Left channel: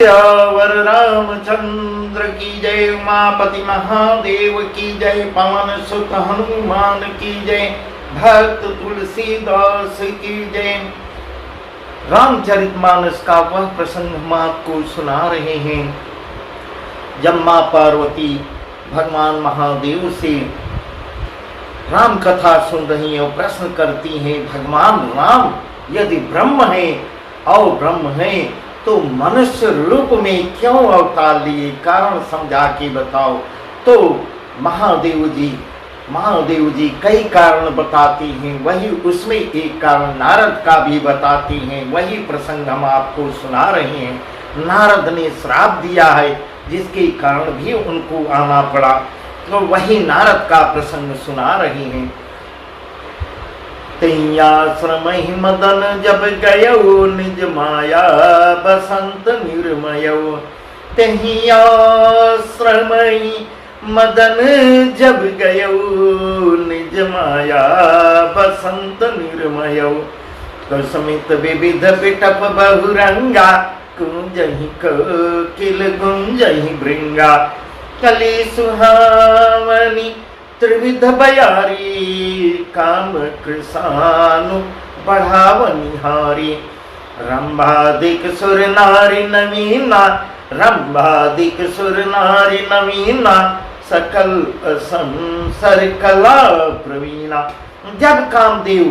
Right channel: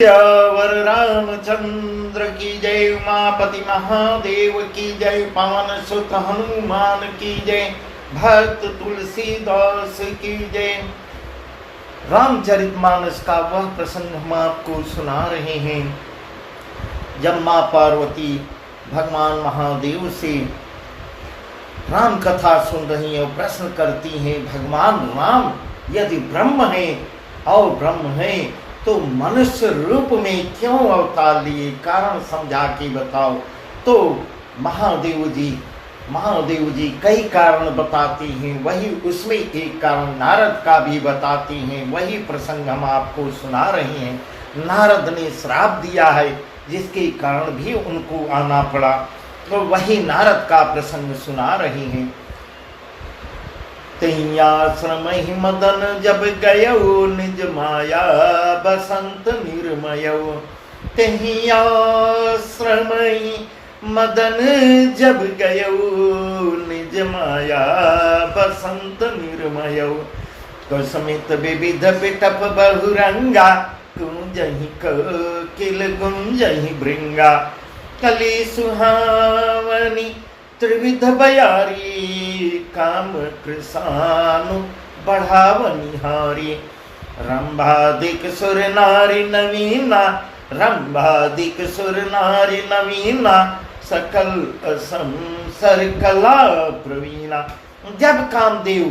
वर रामचंद्र की जय, उमापति महादेव की जय, पवन सुत हनुमान की जय, भक्त तुलसीदास की जय। रामचरितमानस का वह प्रसंग हम आपको सुना रहे हैं जब मां पार्वती भगवान महादेव से राम कथा सुन रही है और प्रश्न करती हैं, भगवान राम यदि ब्रह्म है और ब्रह्म है तो मनुष्य रूप में क्यों अवतार लिए, कारण समझा के बताओ। तो महादेव जी कई कारण बताते हैं, वही उसमें एक कारण नारद का भी बताते हैं। वही प्रसंग हम आपको सुना रहे हैं। नारद ने श्राप दिया है जिसके कारण भी उनको आना पड़ा, तो वही नारद का प्रसंग सुना रहे हैं। तैयाश्रम मदन जब गयो निज माया बसंत निर्मयो। तैयाश्रम मदन जब गयो निज माया बसंत निर्मयो। कुसुमित विविध बिटप बहुरंगा, कुंजहि कोकिल गुंजहि भृंगा। कली सुहावनी त्रिविध बयारी, काम कृसानु बढ़ावनिहारी। रंभादिक सुर नारी नवीना, रंभादिक सुर नारी नवीना। सकल संसर कला प्रवीणा। जब कामदेव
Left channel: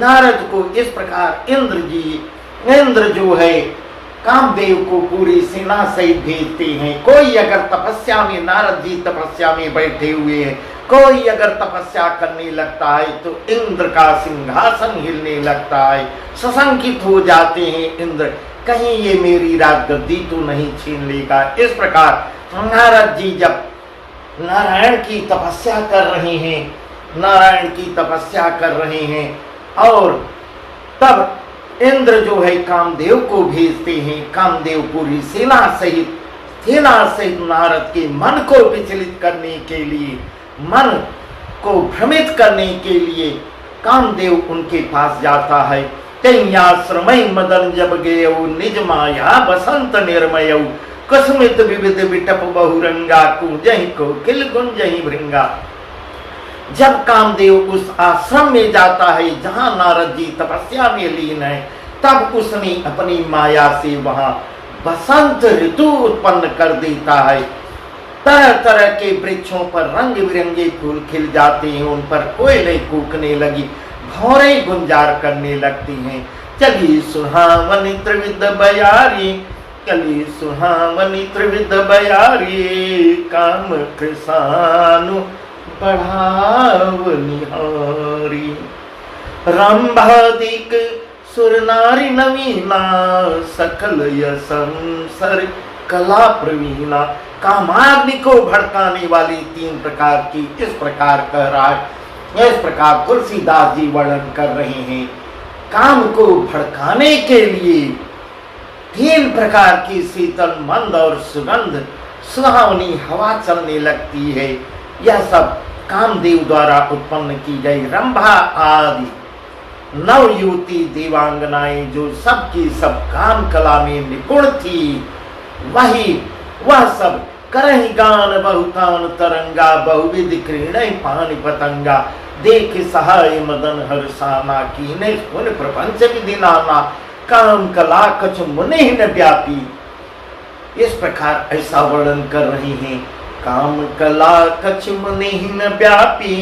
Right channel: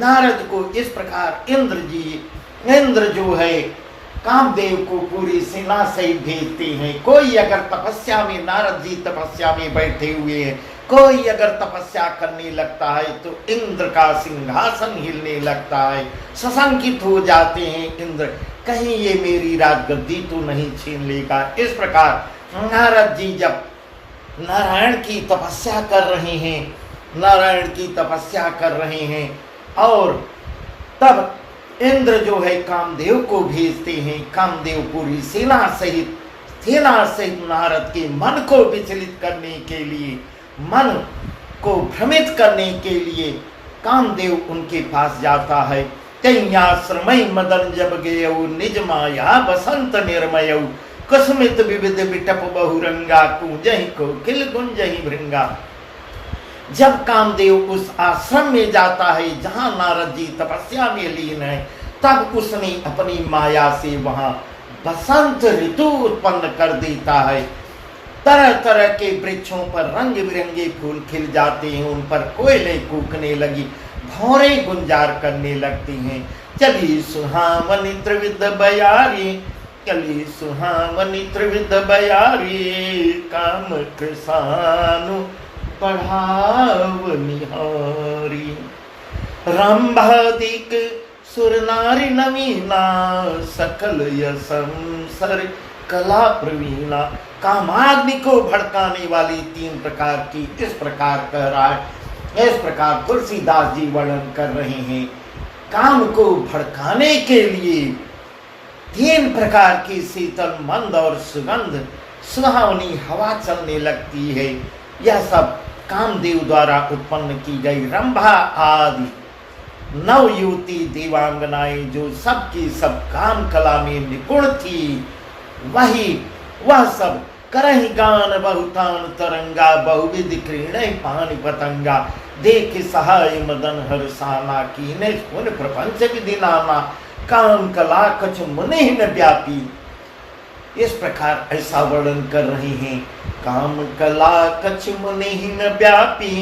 नारद को इस प्रकार इंद्र जो है कामदेव को पूरी सेना सहित भेजते हैं। कोई अगर तपस्या में, नारद जी तपस्या में बैठे हुए हैं, कोई अगर तपस्या करने लगता है तो इंद्र का सिंहासन हिलने लगता है। सशंकित हो जाते हैं इंद्र, कहीं ये मेरी राजगद्दी तो नहीं छीन लेगा। इस प्रकार नारद जी जब नारायण की तपस्या कर रहे हैं, नारायण की तपस्या कर रहे हैं, और तब इंद्र जो है कामदेव को भेजते हैं। कामदेव पूरी सेना सहित नारद के मन को विचलित करने के लिए, मन को भ्रमित करने के लिए कामदेव उनके पास जाता है। तैयाश्रम मदन जब गयो निज माया बसंत निर्मयो। कुसुमित विविध बिटप बहुरंगा, कुंजहि कोकिल गुंजहि भृंगा। जब कामदेव उस आश्रम में जाता है जहां नारद जी तपस्या में लीन है, तब उसने अपनी माया से वहां बसंत ऋतु उत्पन्न कर देता है। तरह तरह के वृक्षों पर रंग बिरंगे फूल खिल जाते हैं, उन पर कोयले कूकने लगी, भौरें गुंजार करने लगती हैं। चली सुहावनी त्रिविध बयारी, चली सुहावनी त्रिविध बयारी। काम कृसानु बढ़ावनिहारी। रंभादिक सुर नारी नवीना, सकल संसर कला प्रवीणा। कामाग्नि को भड़काने वाली 3 प्रकार की इस प्रकार कह रहा है। इस प्रकार तुलसीदास जी वर्णन कर रहे हैं। काम को भड़काने के लिए 3 प्रकार की शीतल मंद और सुगंध सुहावनी हवा चलने लगती है। यह सब कामदेव द्वारा उत्पन्न की गई रंभा आदि नव युवती देवांगनाएं जो सबकी सब काम कला में निपुण थी, वह सब करहि गान बहुतान तरंगा। बहुविध क्रीड़ै पानि पतंगा। देख सहाय मदन हर्षाना, कीने सुन प्रपंच विधि नाना। काम कला कछ मुनि न व्यापी। इस प्रकार ऐसा वर्णन कर रहे हैं। काम कला कछ मुनि न व्यापी,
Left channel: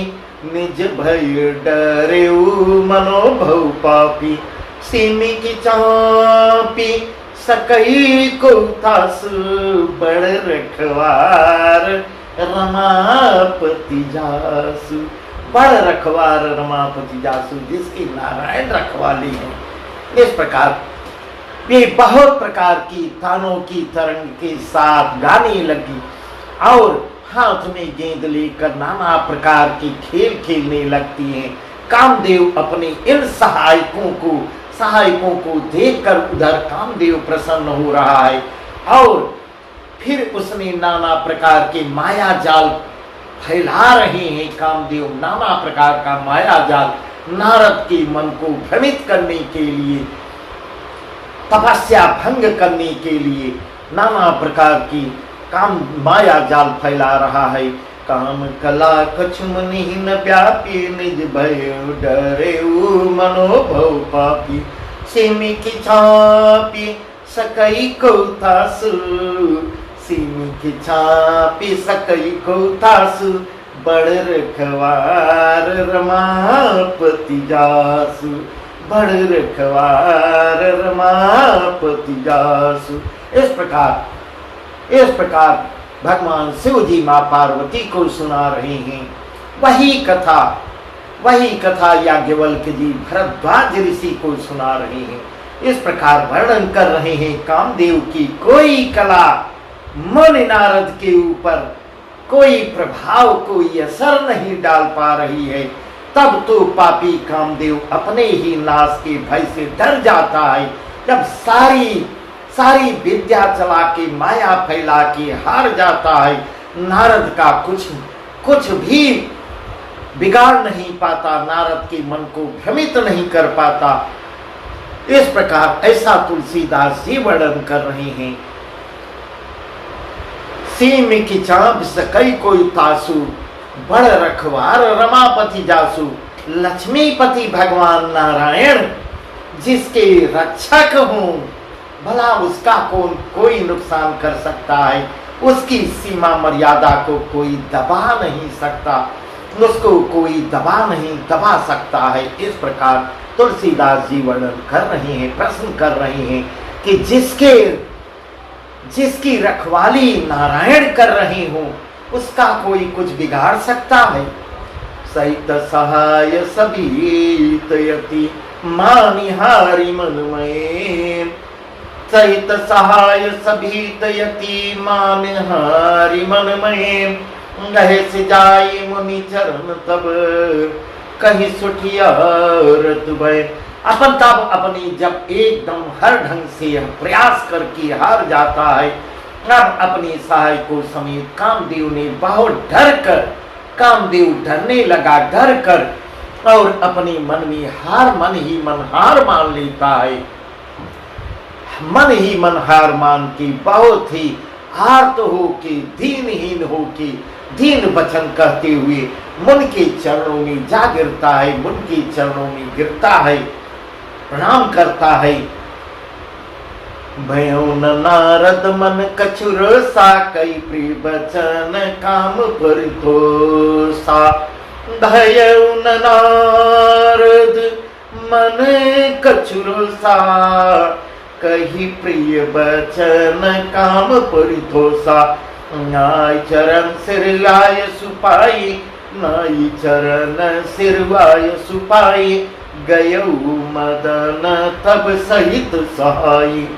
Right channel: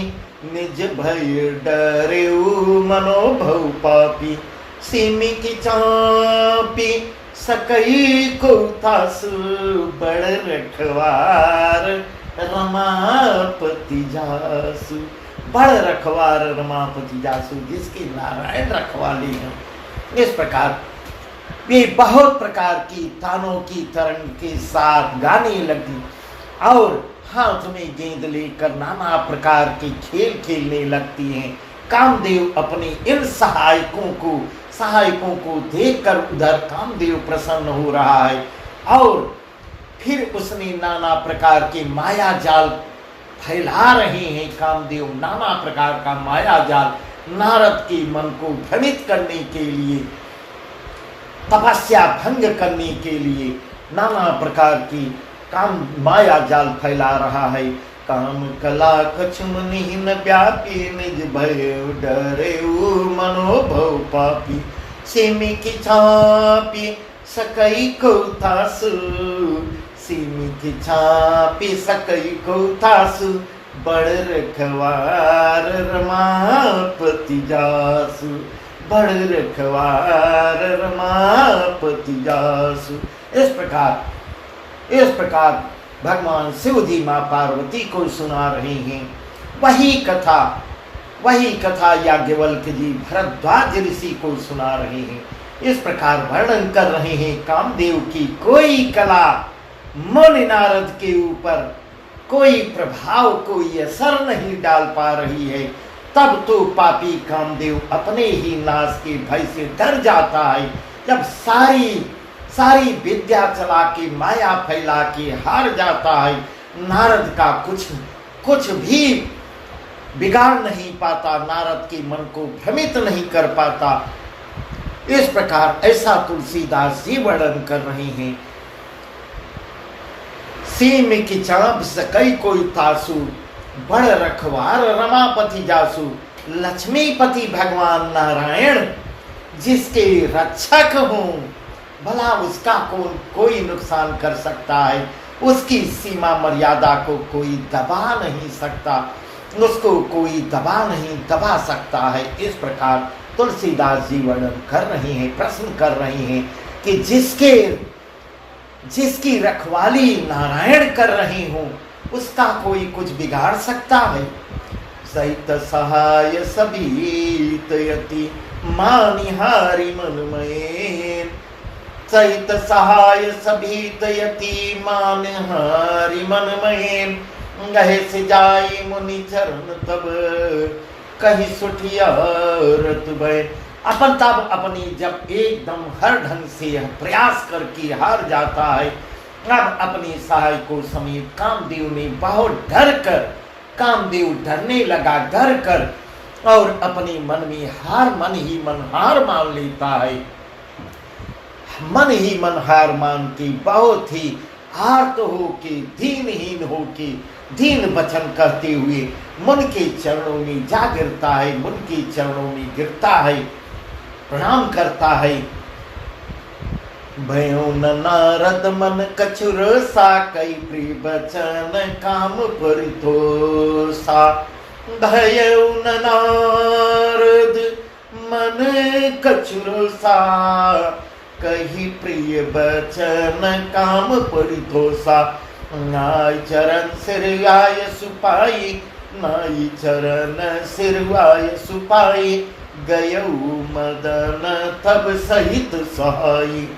निज भय डरेउ मनोभव पापी। सिमी की चापी सकई को तासु, बड़ रखवार रमापति जासु। बड़ रखवार रमापति जासु, जिसकी नारायण रखवाली है। इस प्रकार ये बहुत प्रकार की तानों की तरंग के साथ गाने लगी और हाथ में गेंद लेकर नाना प्रकार के खेल खेलने लगती हैं। कामदेव अपने इन सहायकों को देखकर उधर कामदेव प्रसन्न हो रहा है, और फिर उसने नाना प्रकार के माया जाल फैला रहे हैं। कामदेव नाना प्रकार का माया जाल नारद के मन को भ्रमित करने के लिए, तपस्या भंग करने के लिए नाना प्रकार की काम माया जाल फैला रहा है। काम कला कछु मुनिहीन व्यापी, निज भय डरे मनोभव पापी। सिमि की छापी सकई कौतासु, सिमि की छापी सकई कौतासु। बड़ रखवार रमापति जासु, बड़ रखवार रमापति जासु। इस प्रकार भगवान शिव जी माँ पार्वती को सुना रहे हैं। वही कथा याज्ञवल्क्य जी भरद्वाज ऋषि को सुना रहे हैं। इस प्रकार वर्णन कर रहे हैं कामदेव की कोई कला मुनि नारद के ऊपर कोई प्रभाव, कोई असर नहीं डाल पा रही है। तब तो पापी कामदेव अपने ही नाश के भय से डर जाता है। जब सारी विद्या चला के माया फैला के हार जाता है, नारद का कुछ भी बिगाड़ नहीं पाता, नारद के मन को भ्रमित नहीं कर पाता। इस प्रकार ऐसा तुलसीदास जी वर्णन कर रहे हैं। सिमि की चाप सकई कोई तासु, बड़ रखवार रमापति जासु। लक्ष्मीपति भगवान नारायण जिसके रक्षक हों, भला उसका कोई नुकसान कर सकता है? उसकी सीमा मर्यादा को कोई दबा नहीं सकता, उसको कोई दबा सकता है। इस प्रकार तुलसीदास जी वर्णन कर रहे हैं, प्रश्न कर रहे हैं कि जिसकी रखवाली नारायण कर रहे हो, उसका कोई कुछ बिगाड़ सकता है? सहित सहाय सभी तयति मानिहारी मनमय, सहित सहाय सभी तयति मानिहारी मनमय। गहे से जाई मुनि चरण तब कहीं सुठिया रतुबय। तब अपनी जब एकदम हर ढंग से प्रयास करके हार जाता है, अब अपनी सहाय को समेत कामदेव ने बहुत डर कर, कामदेव डरने लगा डर कर, और अपने मन में मन ही मन हार मान लेता है। मन ही मन हार मान के बहुत ही आर्त हो के, दीनहीन हो के, दीन वचन कहते हुए मुनि के चरणों में जा गिरता है, मुनि के चरणों में गिरता है, प्रणाम करता है। भयो न नारद मन कछुर सा, कई प्रिय बचन काम परितोषा। भयो न नारद मन कछुर सा, कही प्रिय बचन काम परितोषा। नाई चरण सिरवाय सुपाई, नाई चरण सिरवाय सुपाई। गयौ मदन तब सहित सहाई,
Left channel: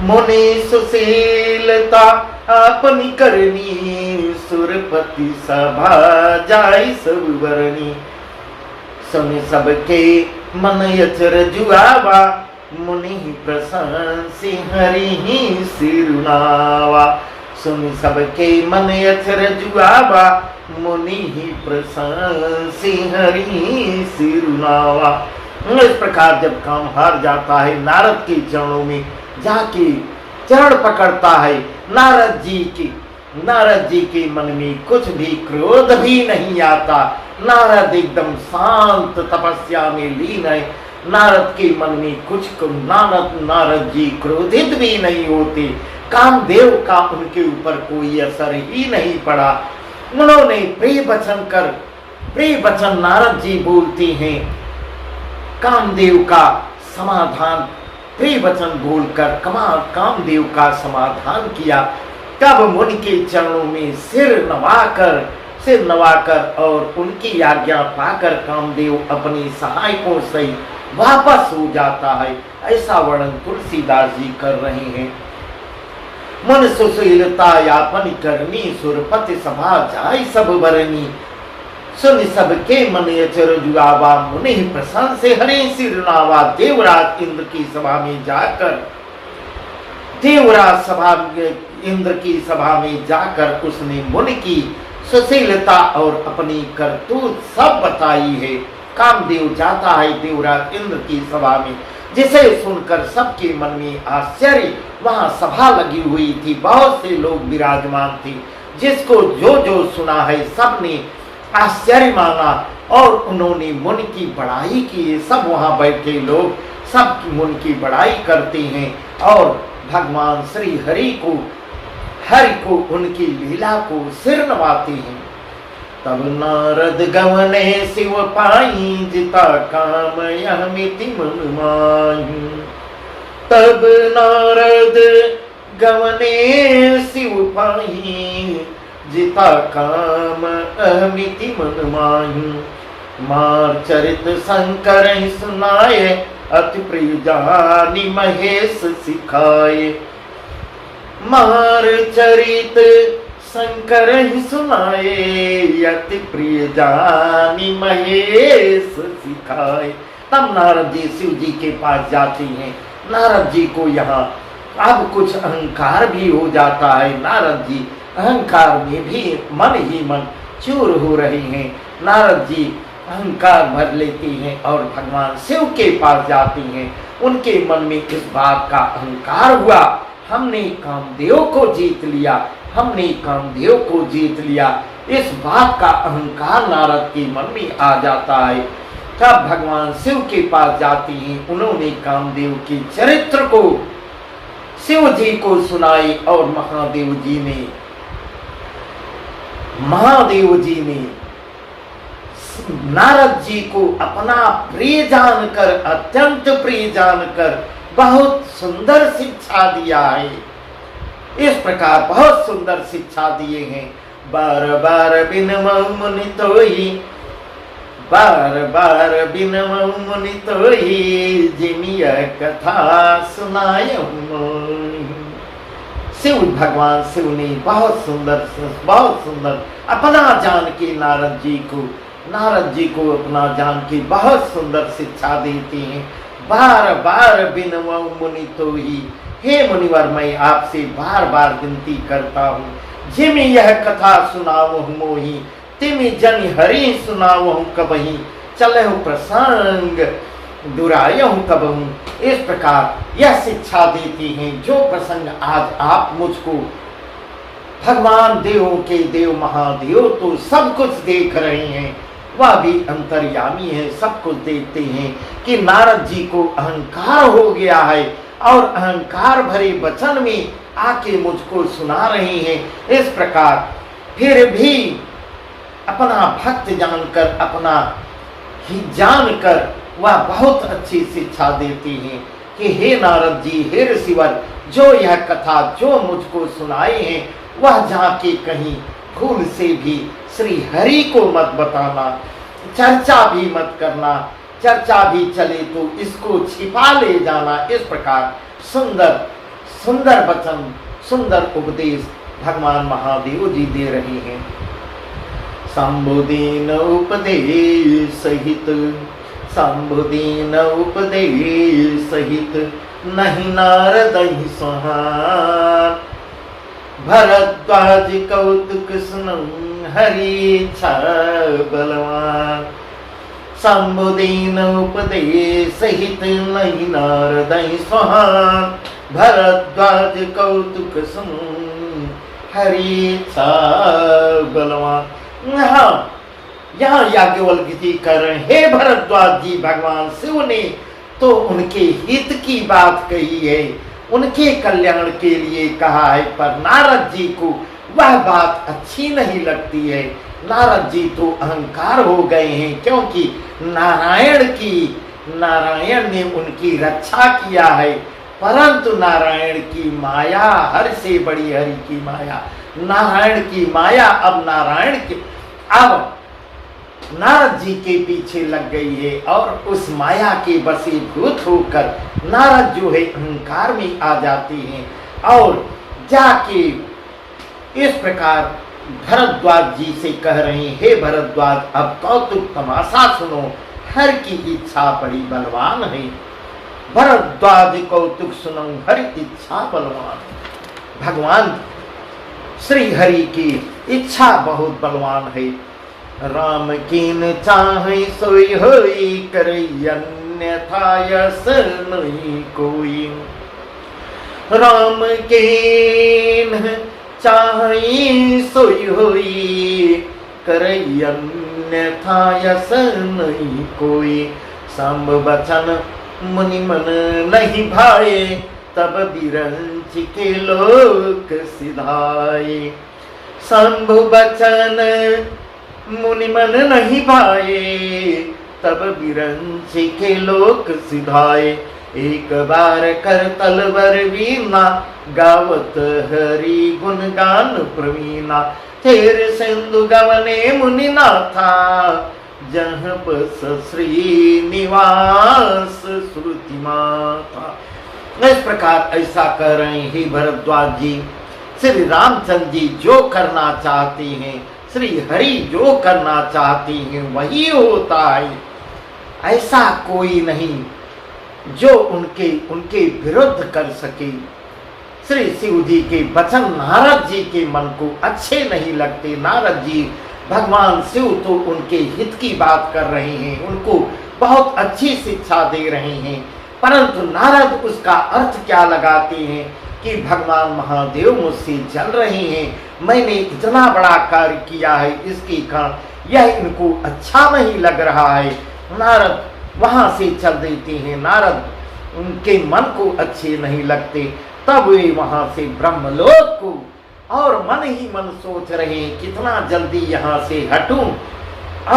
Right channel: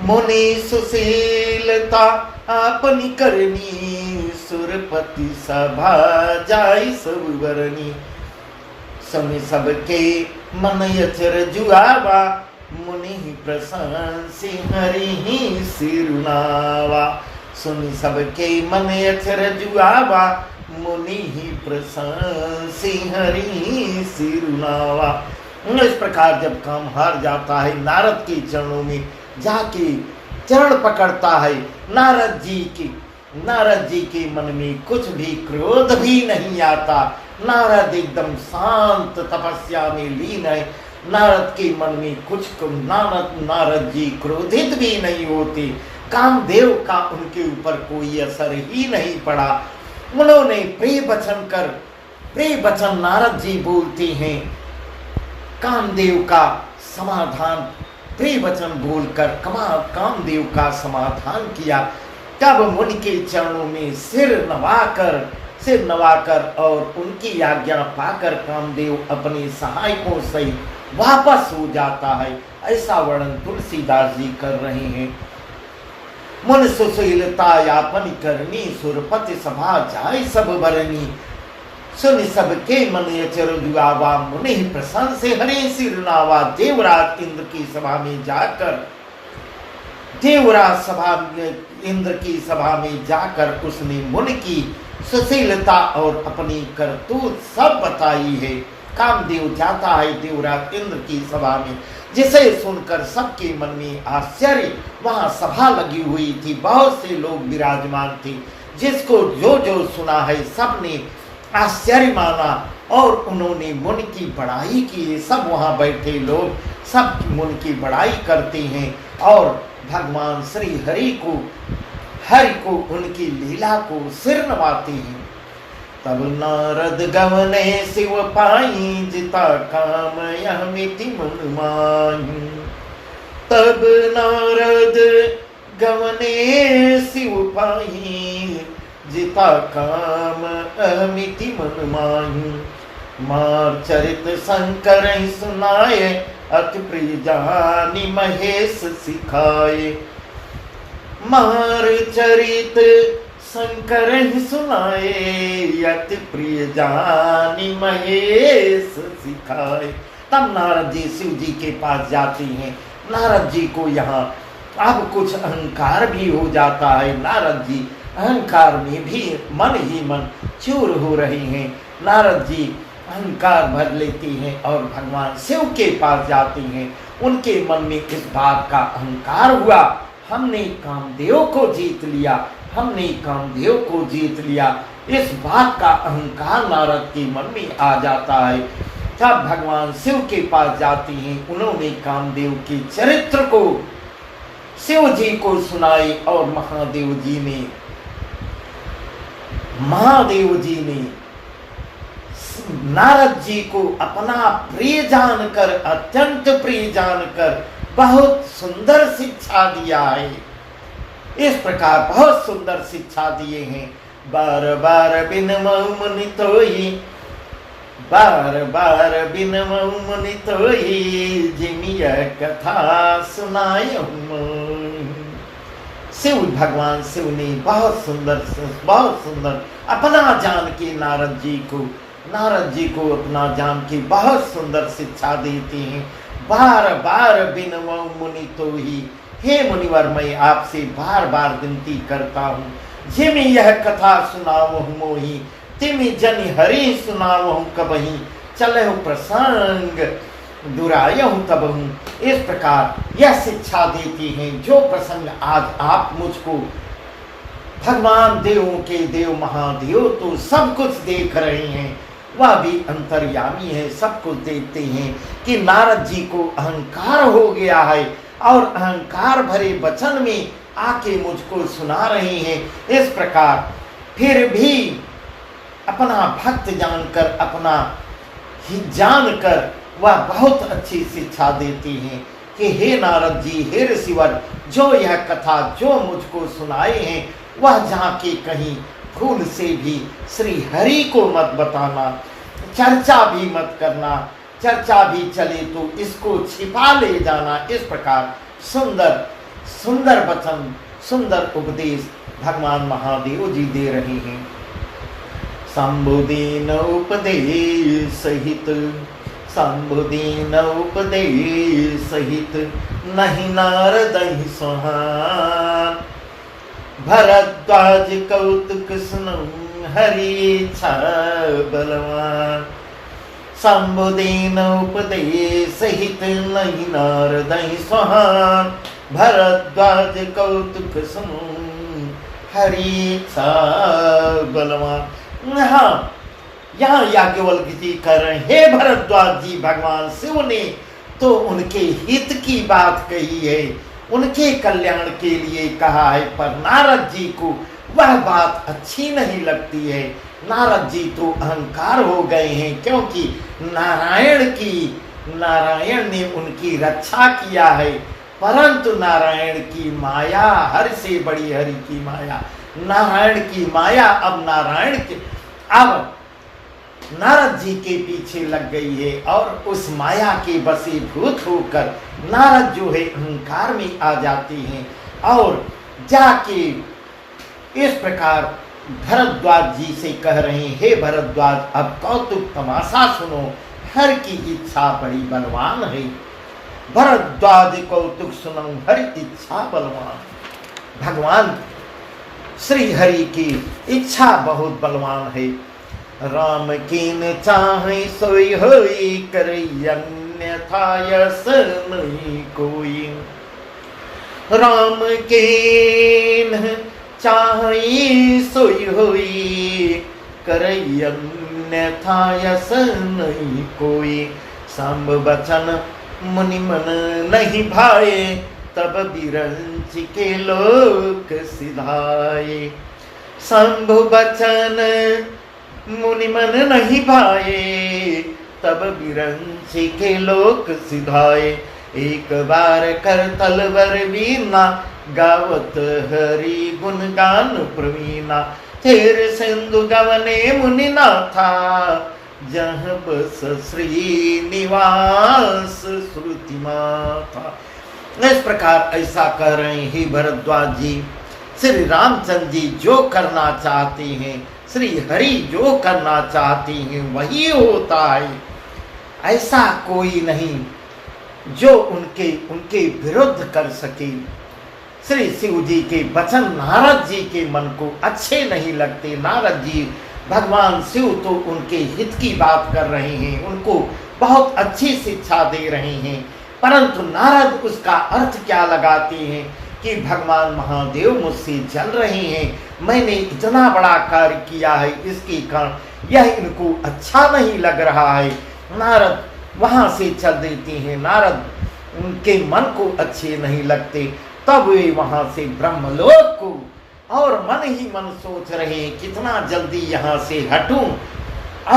मुनि सुशीलता अपनी करनी। सुरपति सभा जाय सब बरनी, सुनि सबके मन यचर जुआवा। मुनि प्रशंसि हरि ही सिरुनावा, सुनि सबके मन यचर जुआवा। मुनि ही प्रशंसि हरि सिरुनावा। इस प्रकार जब काम हार जाता है, नारद के चरणों में जाके चरण पकड़ता है। नारद जी के मन में कुछ भी क्रोध भी नहीं आता। नारद एकदम शांत तपस्या में लीन है। नारद के मन में नारद जी क्रोधित भी नहीं होते। कामदेव का उनके ऊपर कोई असर ही नहीं पड़ा। उन्होंने प्रिय वचन नारद जी बोलते हैं, कामदेव का समाधान प्रिय वचन बोलकर कामदेव का समाधान किया। तब मुनि के चरणों में सिर नवाकर और उनकी आज्ञा पाकर कामदेव अपनी सहायकों से वापस हो जाता है। ऐसा वर्णन तुलसीदास जी कर रहे हैं। मन सुशीलता यापन करनी, सुरपति सभा जाय सब बरनी। सुन सबके मन यचर जुआवा, मुनि प्रशंसि हरि सिरुनावा। देवराज इंद्र की सभा में जाकर उसने मुनि की सुशीलता और अपनी करतूत सब बताई है। कामदेव जाता है देवराज इंद्र की सभा में, जिसे सुनकर सबके मन में आश्चर्य, वहां सभा लगी हुई थी, बहुत से लोग विराजमान थे, जिसको जो जो सुना है सबने आश्चर्य माना और उन्होंने मुनि की बड़ाई की। सब वहां बैठे लोग सब मुनि की बड़ाई करते हैं और भगवान श्री हरि को उनकी लीला को सिर नवाते हैं। तब नारद गवने शिव पाई, जिता काम यह मिति मन माही। तब नारद गवने शिव पाई, जिता काम अमिति मन माही। मार चरित शंकर सुनाए, अति प्रिय जानी महेश सिखाए। मार चरित शंकर सुनाए, अति प्रिय जानी महेश सिखाए। तब नारद जी शिव जी के पास जाते हैं। नारद जी को यहाँ अब कुछ अहंकार भी हो जाता है। नारद जी अहंकार में भी मन ही मन चूर हो रहे हैं। नारद जी अहंकार भर लेते हैं और भगवान शिव के पास जाते हैं। उनके मन में इस बात का अहंकार हुआ, हमने कामदेव को जीत लिया, हमने कामदेव को जीत लिया। इस बात का अहंकार नारद के मन में आ जाता है। तब भगवान शिव के पास जाते हैं। उन्होंने कामदेव के चरित्र को शिव जी को सुनाई और महादेव जी ने नारद जी को अपना प्रिय जानकर, अत्यंत प्रिय जानकर बहुत सुंदर शिक्षा दिया है। इस प्रकार बहुत सुंदर शिक्षा दिए हैं। बार बार बिनमऊ मुनि तोई, बार बार बिनमऊ मुनि तोई, जिमिय कथा सुनाय। शिव भगवान शिव ने बहुत सुंदर अपना जान के नारद जी को अपना जान के बहुत सुंदर शिक्षा देते हैं। बार बार बिनमऊ मुनि तोई, हे मुनिवर मैं आपसे बार बार विनती करता हूँ, जिमि यह कथा सुनावहु मोहि, तिमि जनि हरि सुनावहु कबहि, चलहु प्रसंग दुरायहु तबहु। इस प्रकार यह शिक्षा देती हैं, जो प्रसंग आज आप मुझको भगवान देवों के देव महादेव तो सब कुछ देख रहे हैं, वह भी अंतर्यामी है, सब कुछ देखते हैं कि नारद जी को अहंकार हो गया है और अहंकार भरे वचन में आके मुझको सुना रहे हैं। इस प्रकार फिर भी अपना भक्त जानकर, अपना ही जानकर वह बहुत अच्छी शिक्षा देती हैं कि हे नारद जी, हे ऋषिवर, जो यह कथा जो मुझको सुनाए हैं वह जाके कहीं भूल से भी श्री हरि को मत बताना, चर्चा भी मत करना, चर्चा भी चले तो इसको छिपा ले जाना। इस प्रकार सुंदर सुंदर वचन, सुंदर उपदेश भगवान महादेव जी दे रहे हैं। संबुदीन उपदेश सहित, संबुदीन उपदेश सहित, नहीं नारद ही सुहान, भरद्वाज कौतुक सुनम हरि छ बलवान। संबुदीन उपदेश सहित, नहीं नारद ही सुहान, भरद्वाज कौतुक सुन हरि छ बलवान। यहाँ याज्ञवल्क्य जी कर रहे हैं, हे भरद्वाज जी, भगवान शिव ने तो उनके हित की बात कही है, उनके कल्याण के लिए कहा है, पर नारद जी को वह बात अच्छी नहीं लगती है। नारद जी तो अहंकार हो गए हैं, क्योंकि नारायण ने उनकी रक्षा किया है, परंतु नारायण की माया हर से बड़ी हरि की माया, नारायण की माया अब नारद जी के पीछे लग गई है और उस माया के वशीभूत होकर नारद जो है अहंकार में आ जाते हैं और जाके इस प्रकार भरद्वाज जी से कह रहे हैं, हे भरद्वाज, अब कौतुक तमाशा सुनो, हर की इच्छा बड़ी बलवान है। भरद्वाज कौतुक सुनो, हर इच्छा बलवान। भगवान श्री हरि की इच्छा बहुत बलवान है। राम कीन चाहे सोई होई, करे अन्य अन्यथा यस नहीं कोई। राम के न चाहि सोई होई, करई अन्यथा यस नहीं कोई। सांब बचन मुनि मन नहीं भाए, तब बिरंच के लोक सिधाए। शंभु बचन मुनि मन नहीं भाए, तब बिरंच के लोक सिधाए। एक बार कर तलवर वीना, गावत हरि गुण गान प्रवीणा। तेरे सिंधु गवने मुनि नाथा, जहाँ बस श्री निवास श्रुति माथा। इस प्रकार ऐसा कह रहे हैं हे भरद्वाज जी, श्री रामचंद्र जी जो करना चाहते हैं, श्री हरि जो करना चाहते हैं वही होता है। ऐसा कोई नहीं जो उनके विरुद्ध कर सके। श्री शिव जी के वचन नारद जी के मन को अच्छे नहीं लगते। नारद जी भगवान शिव तो उनके हित की बात कर रहे हैं, उनको बहुत अच्छी शिक्षा दे रहे हैं, परंतु नारद उसका अर्थ क्या लगाते हैं कि भगवान महादेव मुझसे जल रहे हैं, मैंने इतना बड़ा कार्य किया है, इसके कारण यह इनको अच्छा नहीं लग रहा है। नारद वहां से चल देते हैं। नारद उनके मन को अच्छे नहीं लगते। तब वे वहां से ब्रह्मलोक को और मन ही मन सोच रहे हैं कितना जल्दी यहाँ से हटूं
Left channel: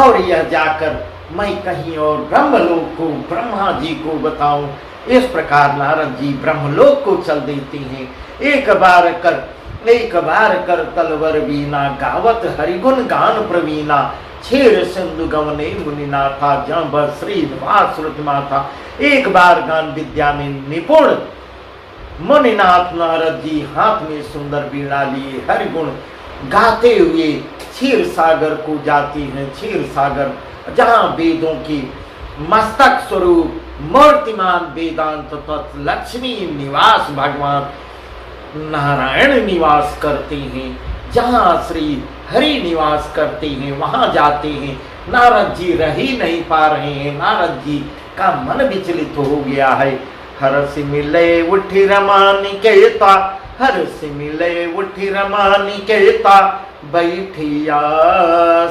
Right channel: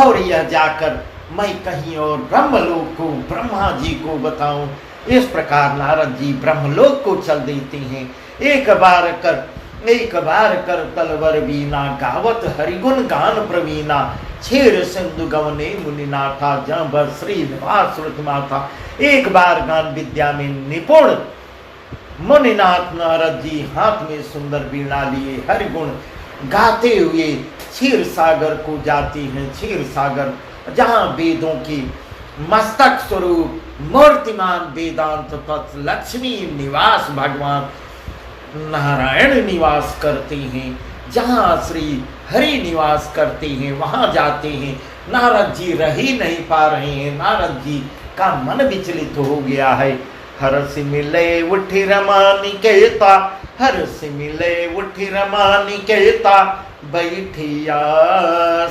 और यह जाकर मैं कहीं और ब्रह्मलोक को ब्रह्मा जी को बताऊं। इस प्रकार नारद जी ब्रह्मलोक को चल देते हैं। एक बार कर तलवर बीना, गावत हरिगुण गान प्रवीणा। छेर सिंधु गवने मुनिना था, जहाँ बर श्री निवास श्रुति माथा। एक बार गान विद्या में निपुण मुनिनाथ नारद जी हाथ में सुंदर बीणा लिए हरिगुण गाते हुए क्षीर सागर को जाते हैं। क्षीर सागर जहाँ वेदों की मस्तक स्वरूप मूर्तिमान वेदांत तत्व लक्ष्मी निवास भगवान नारायण निवास करते हैं, जहाँ श्री हरि निवास करते हैं, वहां जाते हैं। नारद जी रह ही नहीं पा रहे हैं। नारद जी का मन विचलित हो गया है। हर्ष मिले उठी रमा निकेता, हर्ष मिले उठी रमा निकेता। बैठिया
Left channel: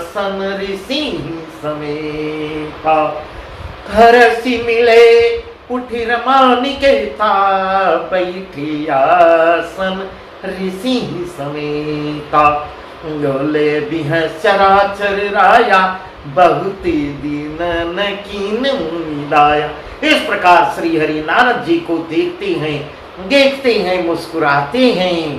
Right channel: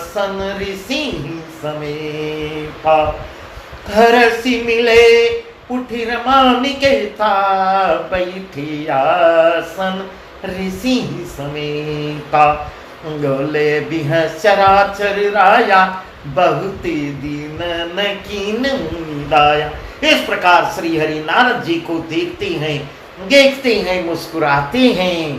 सन ऋषि समेता, हर्ष मिले उठी रमा निकेता। बैठिया सन ऋषि समेता। योले बिह चराचर राया, बहुत दीन न कीन दाया। इस प्रकार श्री हरि नारद जी को देखते हैं, मुस्कुराते हैं।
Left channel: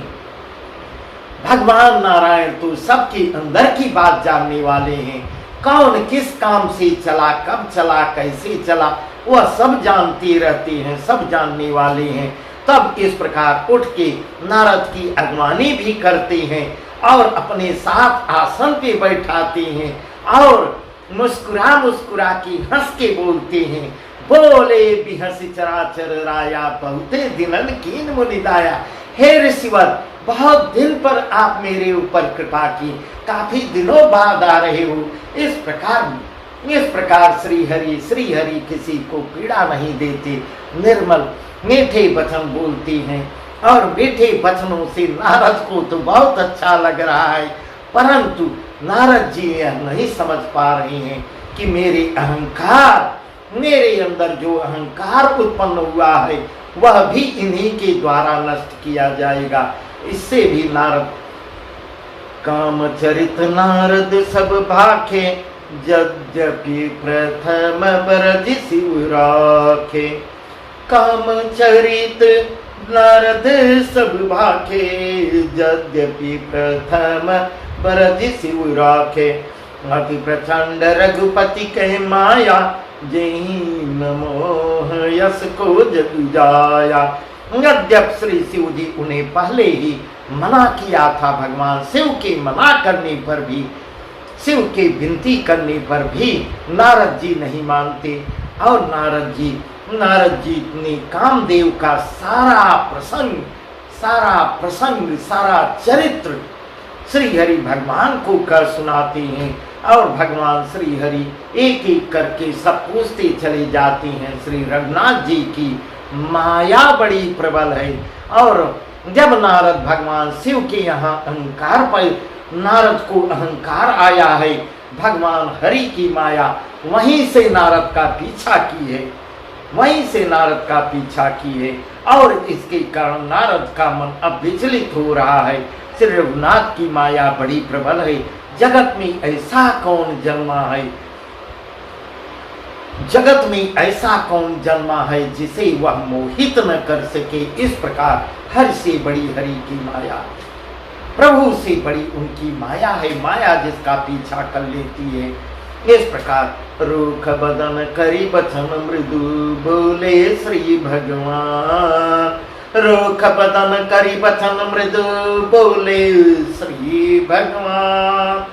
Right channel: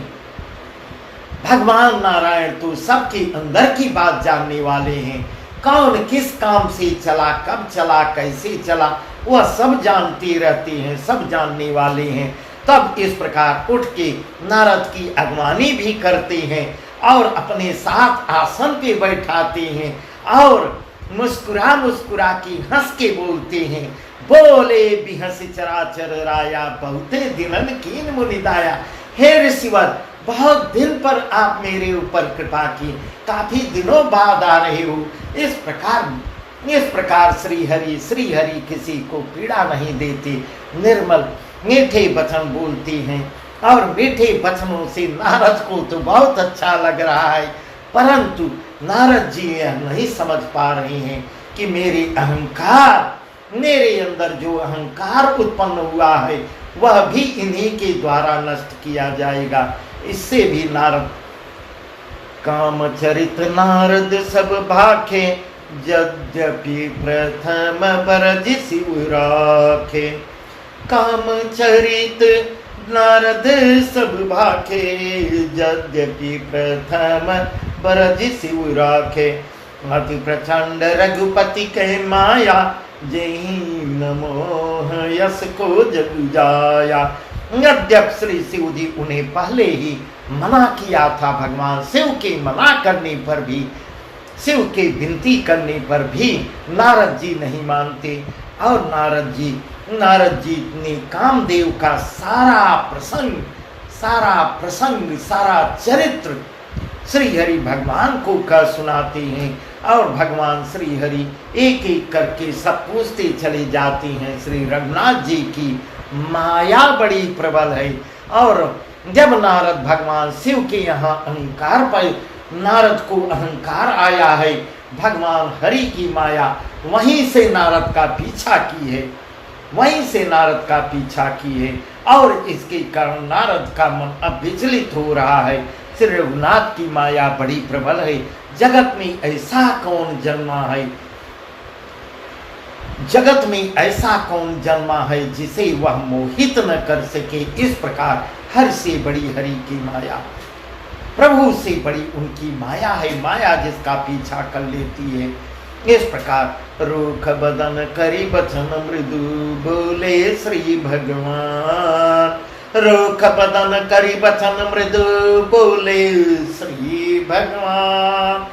भगवान नारायण तो सबके अंदर की बात जानने वाले हैं। कौन किस काम से चला, कब चला, कैसे चला, वह सब जानते रहते हैं, सब जानने वाले हैं। तब इस प्रकार उठ के नारद की अगवानी भी करते हैं और अपने साथ आसन पे बैठाते हैं और मुस्कुरा के हंस के बोलते हैं। बोले बिहस चराचर राया, बहुते दिनन कीन मुनिदाया। हे ऋषिवर, बहुत दिन पर आप मेरे ऊपर कृपा की, काफी दिनों बाद आ रहे हो। इस प्रकार श्री हरि किसी को पीड़ा नहीं देते, निर्मल मीठे वचन बोलते हैं। और मीठे वचनों से नारद को तो बहुत अच्छा लग रहा है, परंतु नारद जी यह नहीं समझ पा रहे हैं कि मेरे अंदर जो अहंकार उत्पन्न हुआ है वह भी इन्हीं के द्वारा नष्ट किया जाएगा। इससे भी नारद काम चरित नारद सब भाखे, यद्यपि प्रथम बरज शिव राखे। काम चरित नारद सब भाखे, यद्यपि प्रथम बरज शिव राखे। अति प्रचंड रघुपति कह माया, जेहि नमोह यस को जग जाया। यद्यप श्री शिव जी उन्हें पहले ही मना किया था, भगवान शिव के मना करने पर भी, शिव के विनती करने पर भी नारद जी नहीं मानते। और नारद जी ने कामदेव का सारा प्रसंग, सारा चरित्र श्री हरि भगवान को कह सुनाते हैं और भगवान श्री हरि एक एक करके सब पूछते चले जाते हैं। श्री रघुनाथ जी की माया बड़ी प्रबल है। और जब नारद भगवान शिव के यहाँ अहंकार पर नारद को अहंकार आया है, भगवान हरि की माया वहीं से नारद का पीछा की है, वहीं से नारद का पीछा की है और इसके कारण नारद का मन अब विचलित हो रहा है। श्री रघुनाथ की माया बड़ी प्रबल है। जगत में ऐसा कौन जन्मा है, जगत में ऐसा कौन जन्मा है जिसे वह मोहित न कर सके। इस प्रकार हर से बड़ी हरि की माया, प्रभु से बड़ी उनकी माया है, माया जिसका पीछा कर लेती है। इस प्रकार रूख बदन करी बचन मृदु बोले श्री भगवान, रूख बदन करी बचन मृदु बोले श्री भगवान।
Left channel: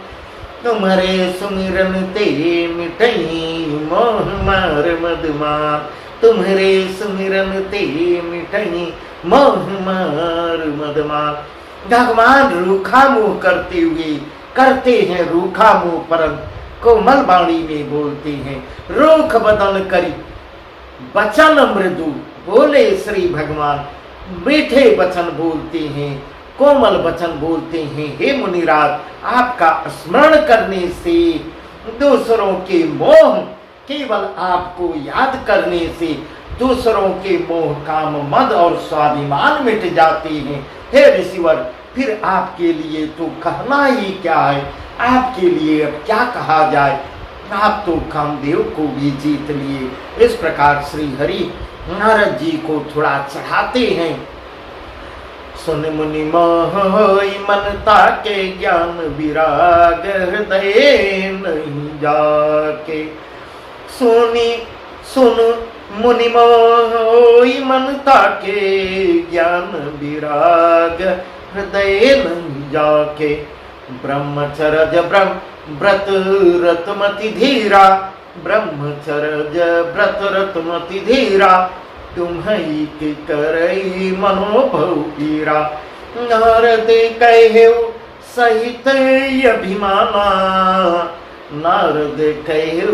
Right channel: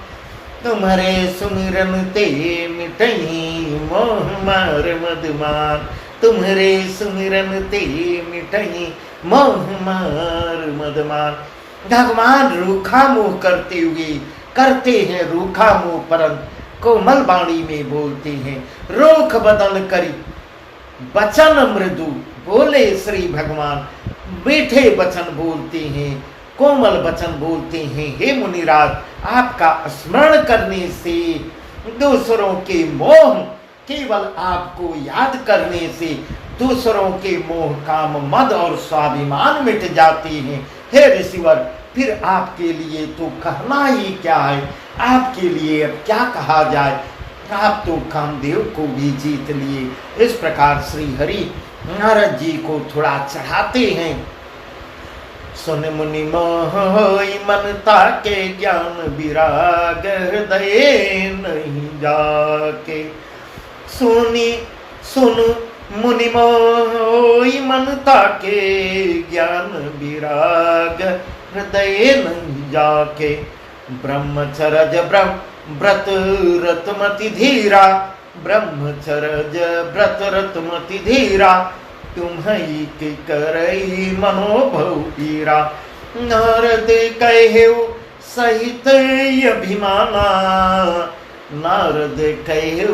तुम्हारे सुमिरन ते मिटई मोह मार मदमान, तुम्हारे सुमिरन ते मिटई मोह मार मदमान। भगवान रूखा मुंह करते हुए करते हैं रूखा मुंह, परंतु कोमल वाणी में बोलते हैं। रूख बदन करी बचन मृदु बोले श्री भगवान, मीठे वचन बोलते हैं, कोमल वचन बोलते हैं। हे मुनिराज, आपका स्मरण करने से दूसरों के मोह, केवल आपको याद करने से दूसरों के मोह, काम, मद और स्वाभिमान मिट जाते हैं। हे ऋषिवर, फिर आपके लिए तो कहना ही क्या है, आपके लिए अब क्या कहा जाए। आप तो कामदेव को भी जीत लिए। इस प्रकार श्री हरि नारद जी को थोड़ा चढ़ाते हैं। सुन मुनि मोह होई मनता के ज्ञान विराग हृदय नहीं जाके। सुन मुनि मोह होई मनता के ज्ञान विराग हृदय नहीं जाके। ब्रह्मचर्य व्रत रतमति धीरा, ब्रह्मचर्य व्रत रतमति धीरा। तुम्हई के करई मनोभव पीरा। नारद कहे सहित अभिमाना, नारद कहे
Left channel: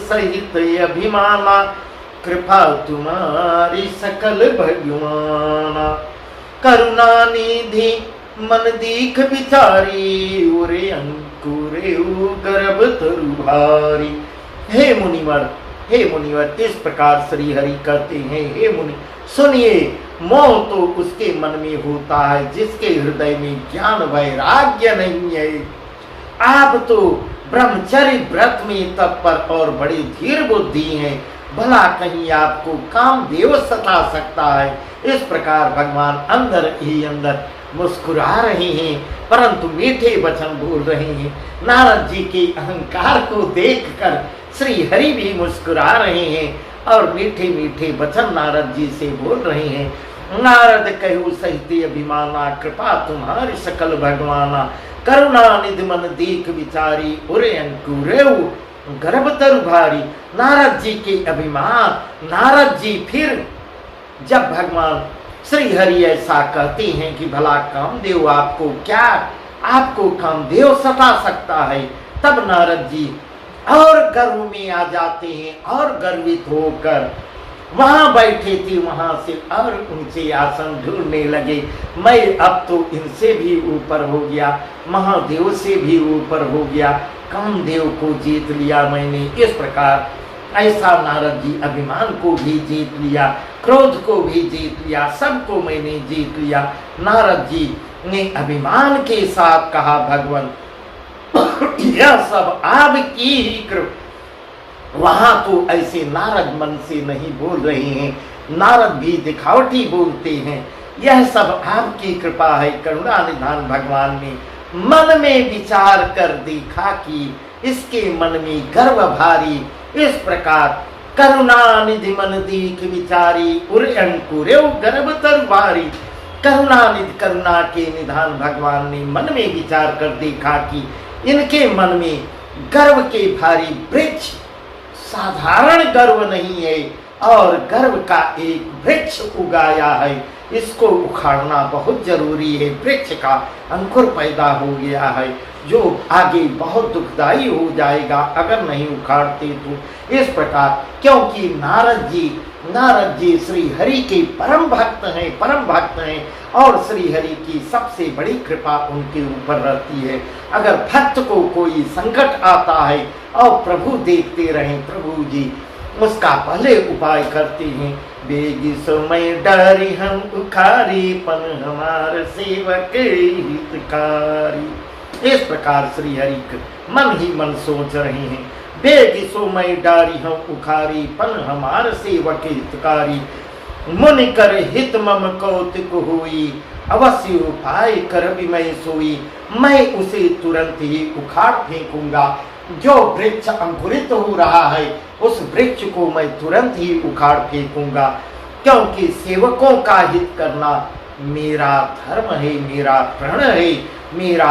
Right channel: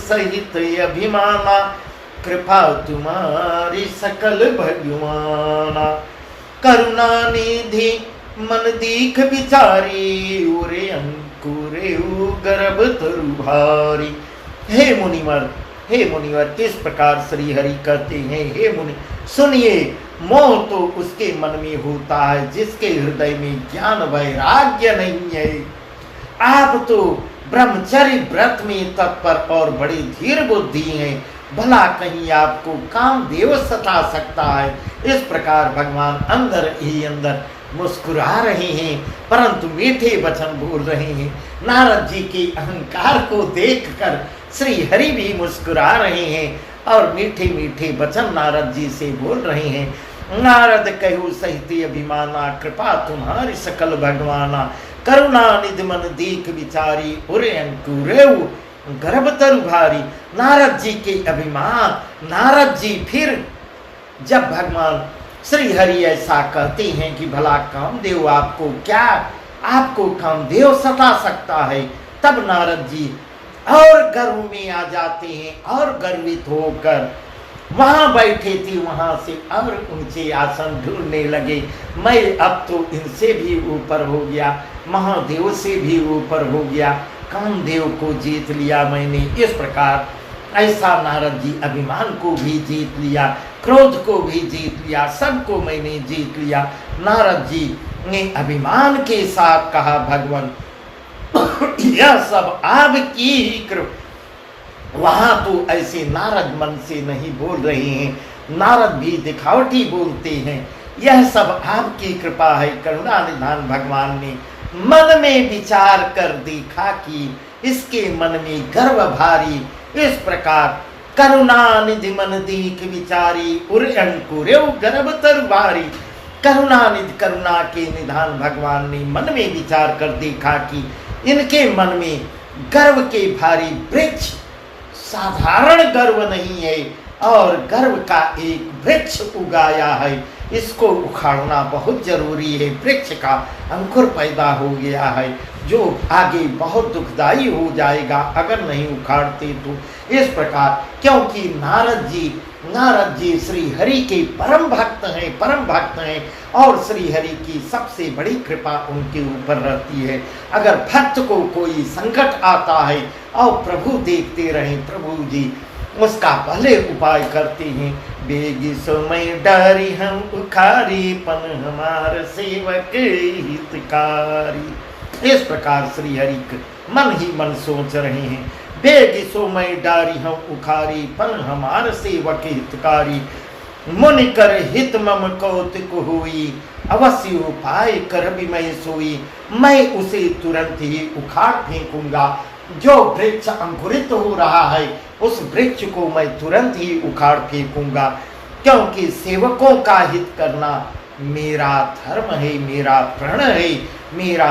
सहित अभिमाना। कृपा तुम्हारी सकल भगवाना। करुणा निधि मन दीख बिचारी, उरे अंकुरे गर्भ तरु भारी। हे मुनिवर, हे मुनिवर, इस प्रकार श्री हरि कहते हैं, हे मुनि सुनिए, मोह तो उसके मन में होता है जिसके हृदय में ज्ञान वैराग्य नहीं है। आप तो ब्रह्मचर्य व्रत में तत्पर और बड़ी धीर बुद्धि हैं, भला कहीं आपको कामदेव सता सकता है। इस प्रकार भगवान अंदर ही अंदर मुस्कुरा रहे हैं, परंतु मीठे वचन बोल रहे हैं। नारद जी के अहंकार को देखकर श्री हरि भी मुस्कुरा रहे हैं और मीठे मीठे वचन नारद जी से बोल रहे हैं। नारद कहु सहित अभिमाना, कृपा तुम्हारी सकल भगवाना। करुणा निधि मन दीख विचारी, उरे अंकुरेउ गर्भ तरु भारी। नारद जी के अभिमान, नारद जी फिर जब भगवान श्री हरि ऐसा कहते हैं कि भला कामदेव आपको क्या, आपको कामदेव सता सकता है, तब नारद जी और गर्व में आ जाते हैं और गर्वित होकर वहां बैठे थे वहां से और ऊंचे आसन ढूंढने लगे। मैं अब तो इनसे भी ऊपर हो गया, महादेव से भी ऊपर हो गया, कामदेव को जीत लिया मैंने। इस प्रकार ऐसा नारद जी अभिमान को भी जीत लिया, क्रोध को भी जीत लिया, सबको मैंने जीत लिया। नारद जी ने अभिमान के साथ कहा, भगवान यह सब आपकी ही कृपा। वहां तो ऐसे नारद मन से नहीं बोल रहे हैं, नारद भी दिखावटी बोलते हैं। यह सब आपकी कृपा है। करुणा निधान भगवान ने मन में विचार कर देखा कि इसके मन में गर्व भारी। इस प्रकार करुणा निधि मन दीख विचारी, उर अंकुरे गर्भ तरु भारी। करुणा निधि, करुणा के निधान भगवान ने मन में विचार कर देखा कि इनके मन में गर्व के भारी वृक्ष, साधारण गर्व नहीं है और गर्व का एक वृक्ष उगाया है। इसको उखाड़ना बहुत जरूरी है। वृक्ष का अंकुर पैदा हो गया है जो आगे बहुत दुखदाई हो जाएगा अगर नहीं उखाड़ते तो। इस प्रकार क्योंकि नारद जी श्री हरि के परम भक्त हैं और श्री हरि की सबसे बड़ी कृपा उनके ऊपर रहती है। अगर भक्त को कोई संकट आता है और प्रभु देखते रहें, प्रभु जी उसका पहले उपाय करते हैं। बेगी समय डरी हम उखारी पन हमार सेवक हितकारी। इस प्रकार श्री हरि मन ही मन सोच रहे हैं। बेगी समय डारी हम उखारी पन हमार सेवक हितकारी। मुनि कर हित मम कौतुक हुई अवश्य उपाय कर भी मैं सोई। मैं उसे तुरंत ही उखाड़ फेंकूंगा। जो वृक्ष अंकुरित हो रहा है उस वृक्ष को मैं तुरंत ही उखाड़ फेंकूंगा, क्योंकि सेवकों का हित करना मेरा धर्म है, मेरा प्रण है, मेरा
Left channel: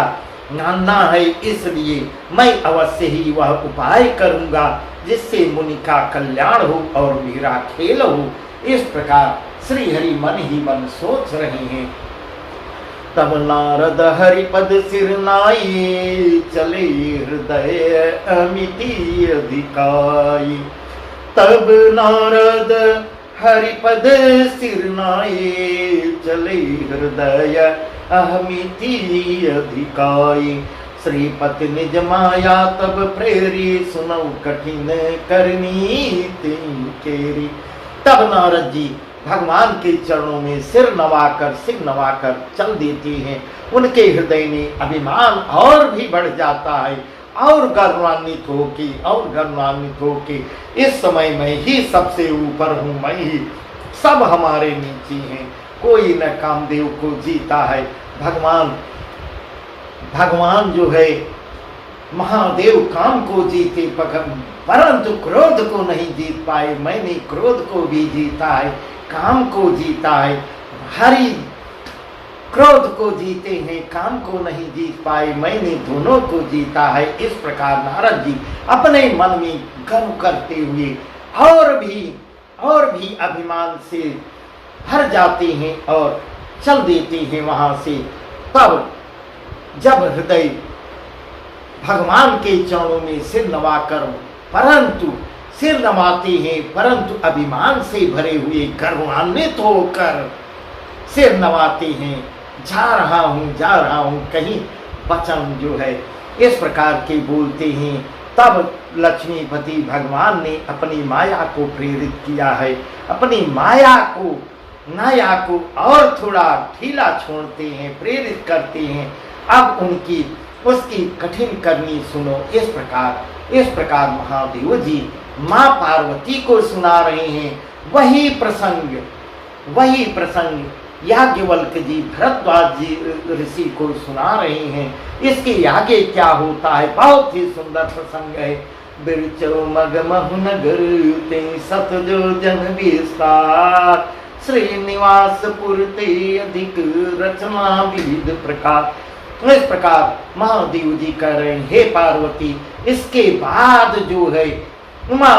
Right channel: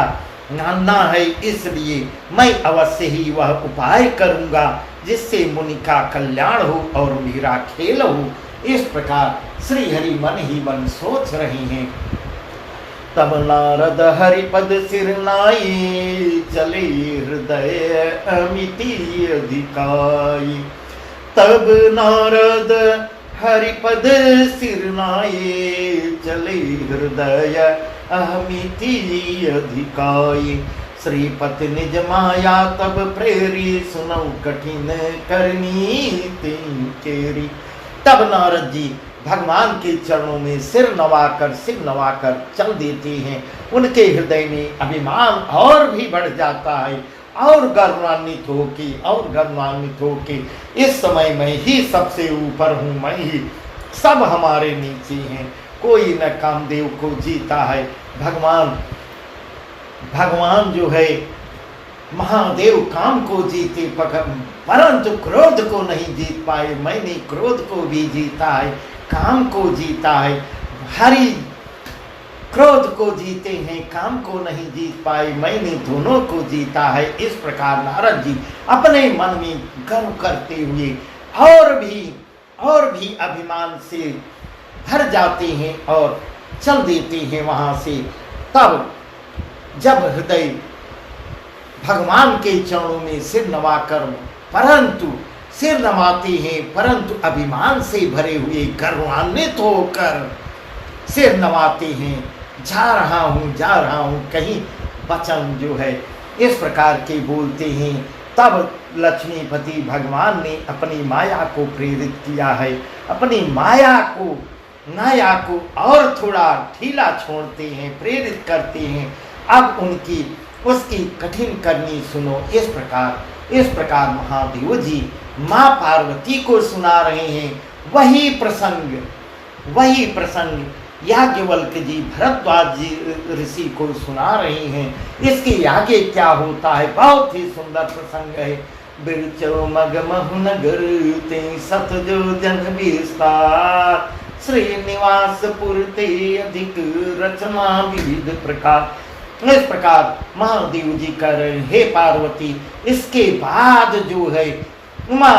मानना है। इसलिए मैं अवश्य ही वह उपाय करूंगा जिससे मुनि का कल्याण हो और मेरा खेल हो। इस प्रकार श्री हरि मन ही मन सोच रहे हैं। तब नारद हरिपद सिर नाई चले हृदय अमिति अधिकाई। तब नारद हरिपद सिर नाई चले हृदय अमिति अधिकाई। श्रीपति निज माया तब प्रेरी सुनौ कठिन करनी तीन केरी। तब नारद जी भगवान के चरणों में सिर नवाकर चल देते हैं। उनके हृदय में अभिमान और भी बढ़ जाता है और गर्वान्वित होके इस समय मैं ही सबसे ऊपर हूँ, मैं ही सब हमारे नीचे हैं। कोई न कामदेव को जीता है। भगवान जो है महादेव काम को जीते परंतु क्रोध को नहीं जीत पाए। मैंने क्रोध को भी जीता है, काम को जीता है। हरि क्रोध को जीते हैं, काम को नहीं जीत पाए। मैंने दोनों को जीता है। इस प्रकार नारद जी अपने मन में गर्व करते हुए और भी अभिमान से भर जाते हैं और चल देते हैं वहां से। तब जब हृदय भगवान के चरणों में सिर नवाते हैं परंतु अभिमान से भरे हुए गर्वान्वित होकर सिर नवाते हैं। जा रहा हूँ कहीं वचन जो है इस प्रकार के बोलते हैं। तब लक्ष्मीपति भगवान ने अपनी माया को प्रेरित किया है। अपनी माया को और थोड़ा ढीला छोड़ते हैं, प्रेरित करते हैं। अब उसकी कठिन करनी सुनो। इस प्रकार महादेव जी माँ पार्वती को सुना रहे हैं। वही प्रसंग याज्ञवल्क्य जी भरद्वाज जी ऋषि को सुना रहे हैं। इसके आगे क्या होता है, बहुत ही सुंदर प्रसंग है। बिरचो मग महुनगर ते सतजो जन विस्तार। श्रीनिवासपुर ते अधिक रचना विविध प्रकार। इस प्रकार महादेव जी कह रहे हैं, हे पार्वती, इसके बाद जो है उमा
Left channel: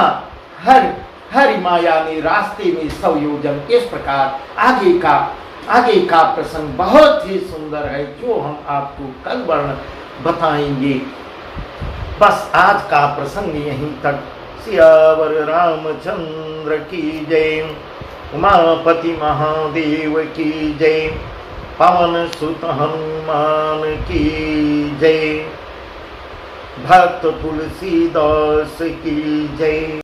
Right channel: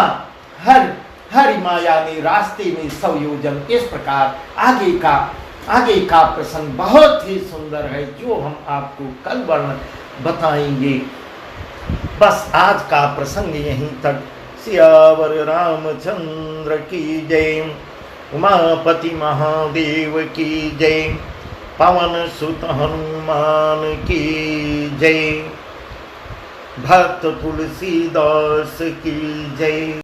हरि माया ने रास्ते में 100 योजन। इस प्रकार आगे का प्रसंग बहुत ही सुंदर है जो हम आपको कल वर्णन बताएंगे। बस आज का प्रसंग यहीं तक। सियावर रामचंद्र की जय। उमापति महादेव की जय। पवन सुत हनुमान की जय। भक्त तुलसीदास की जय।